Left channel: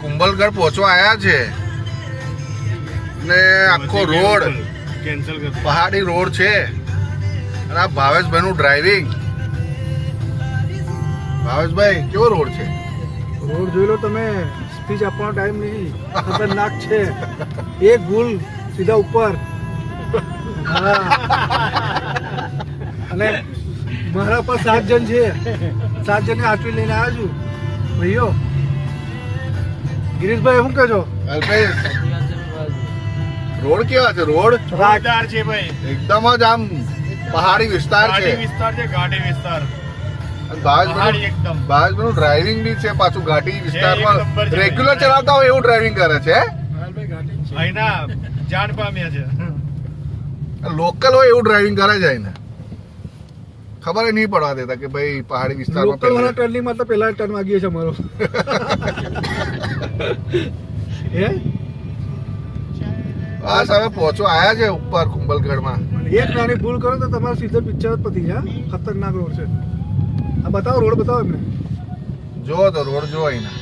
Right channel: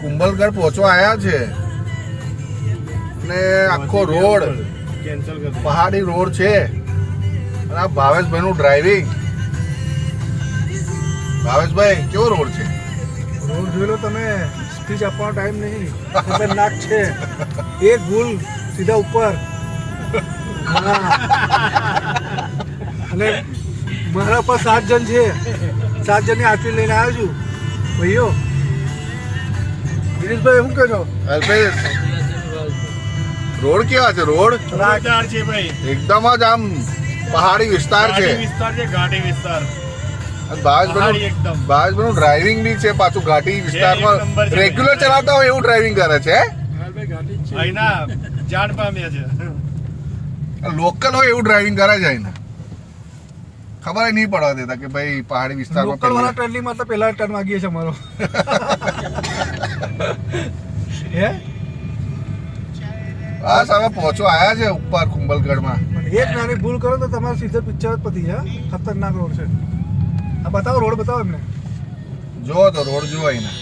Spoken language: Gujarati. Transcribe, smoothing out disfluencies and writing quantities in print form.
કુંભલગઢ પહોંચવા આવ્યા છે અને આખો રોડ પહાડી રોડ છે અને આ ભાવેશભાઈ નું ડ્રાઇવિંગ. ભાવેશભાઈ કેવો રોડ છે? રોડ જોઈ લો તમે, સ્પીચ આપવાનો ટાઈમ નહીં, ખતરનાક છે. એક ભૂલ સીધા ઉપર. હા. અને મારા પર 7 જણ છે, 7 જણની આટલી લઈને આવ્યો છું ભાઈઓ. ગિરીશભાઈ શું કહેજો? અલ્પેશ, રોડ કેવા છે? રોડ જોરદાર છે ભાઈ, એકદમ જ આમ પહાડી વિસ્તાર છે. ઘાટી વિસ્તાર છે, ઘાટી વિસ્તાર. પહાડી એકદમ. ભાવેશભાઈનું ડ્રાઇવિંગ બી છે પાછું ઘાટી વિસ્તારમાં. એક નંબર છે. રેગ્યુલર ચલાવતા હોય એવું ડ્રાઇવિંગ કરે છે. અહીંના જાણ પામ્યા છે. લોકલ હોય એવું ડ્રાઇવિંગ કરે છે એને. ખબર નહીં પડવા દેતા કે ભાઈ પહાડી વિસ્તારમાં લોકલ વાળા ટર્નિંગ માં તો પહેલા ટર્ન વાગીએ છે અમારો. હે આ સામે પહોંચવા આવ્યા છે ઉપર કુંભલગઢમાં. એક નાની ભૂલ કરો તો તમારે સીધો પિક્ચર જ પતી જાય. ખતરનાક રોડ છે. આ બતાવો, રોડ બતાવો એમને. જો તો રોડ જો અહીંના.